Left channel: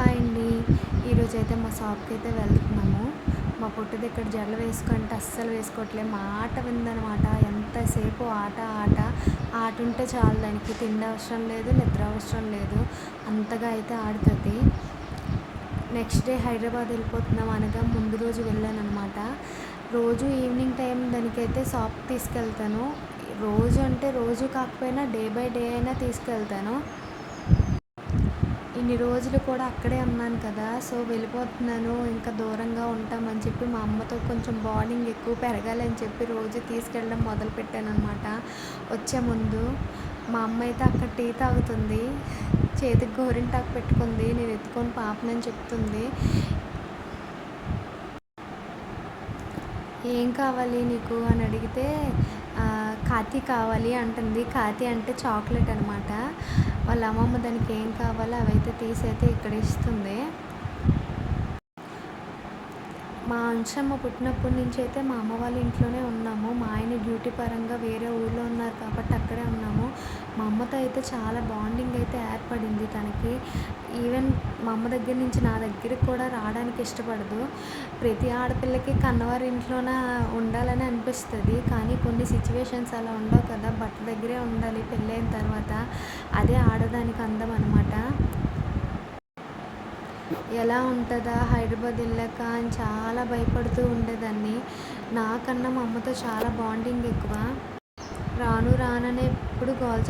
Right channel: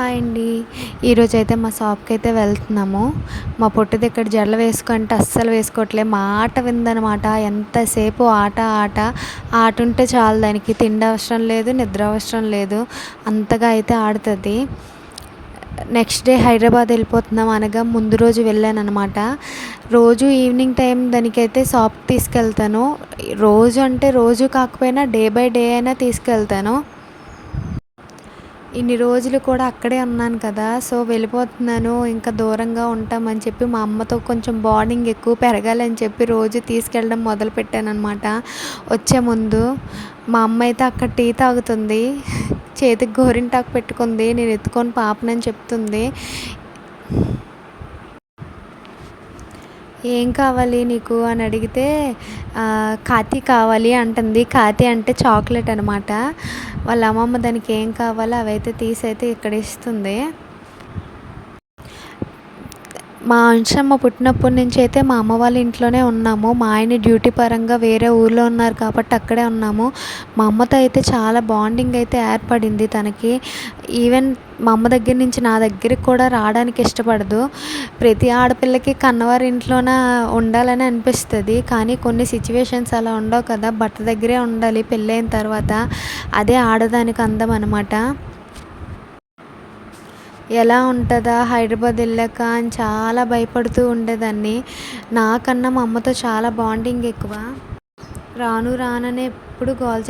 Hi అండి. ఈరోజు అయితే మా షాప్కి అయితే వెళ్తున్నాము. మా పొట్టు దగ్గర జడలు వేసుకుంటే అస్సలు వేసుకోవట్లే. ఆట విందనమాట. ఎంతసేపు ఆట ఆట. ఆట ఉంటే చాలు దానికి. తిండి అవసరం లేదు నిద్ర అవసరం లేదు. అంతగా అయితే ఆడుతుంది. నెక్స్ట్ డే హైదరాబాద్ వెళ్ళిపోతున్నాం అనగా ముందు రోజు వెళ్ళాను అనమాట రోజు ఈవినింగ్ టైం దానికైతే షాప్ తీసుకెళ్తాను. రోజు అంటే రోజు కాకపోయినా డే బై డే అయినా తీసుకెళ్తాను. ఇన్ని రోజులు కూడా అక్కడే ఉన్నాను కదా సో వెళ్ళిపోతున్నాను ఇంకా దూరంగా ఉంటామని చెప్పి మా అమ్మతో కొంచెం బాండింగ్ ఎక్కువ పెరగాలని చెప్పి రోజు తీసుకెళ్ళడం మొదలుపెట్టానమాట అనమాట వచ్చే ముందు మా అమ్మ అయితే అక్కడ టీ తాగుతుంది చేతికి గోరింటాకు పెట్టుకుంది నేను ఎత్తుకొని పాపనని చెప్తుంది. ఏం కావాలి నీకు? అని అడిగితే కాతి కావాలి అంటుంది. కాతి అంటే చాక్లెట్ అనమాట వాళ్ళ అమ్మమ్మ దానికి ఏం కావాలో అవైతే తీసి అయితే ఇక్కడ ఇస్తుంది. మా అంశమ్మ పుట్టినప్పటి నుంచి అయితే మా అమ్మ వాళ్ళ ఇంట్లోనే ఉన్నాము. మా ఆయన డ్యూటీ పరంగా వేరే ఊర్లో ఉన్నారు కాబట్టి అక్కడే ఉన్నాము. మా అమ్మతో అయితే చాలా బాండింగ్ అయితే ఏర్పడింది తనకి. ఈవెన్ మా అమ్మ దగ్గర నుంచి నా దగ్గరికి కూడా రావడానికి ఇష్టపడదు. ప్రతి ఆడపిల్లకి కన్నవారి ఇంట్లోన ఉండాలని అనిపిస్తుంది. కానీ కొన్ని సిచ్యువేషన్స్ అలా ఉండవు కదా. బట్ట దగ్గరే ఉండాలి. పెళ్ళైన తర్వాత అదే ఆడదానికి అందం అనమాట ఎలా ఉంటుందా? హైదరాబాద్ వెళ్ళాక అని చాలా భయపడుతూ ఉండేదాన్ని. నాకన్నా మా అమ్మతో చాలా బాండింగ్ ఎక్కువ. రాను రాననే ఎప్పుడు గోల్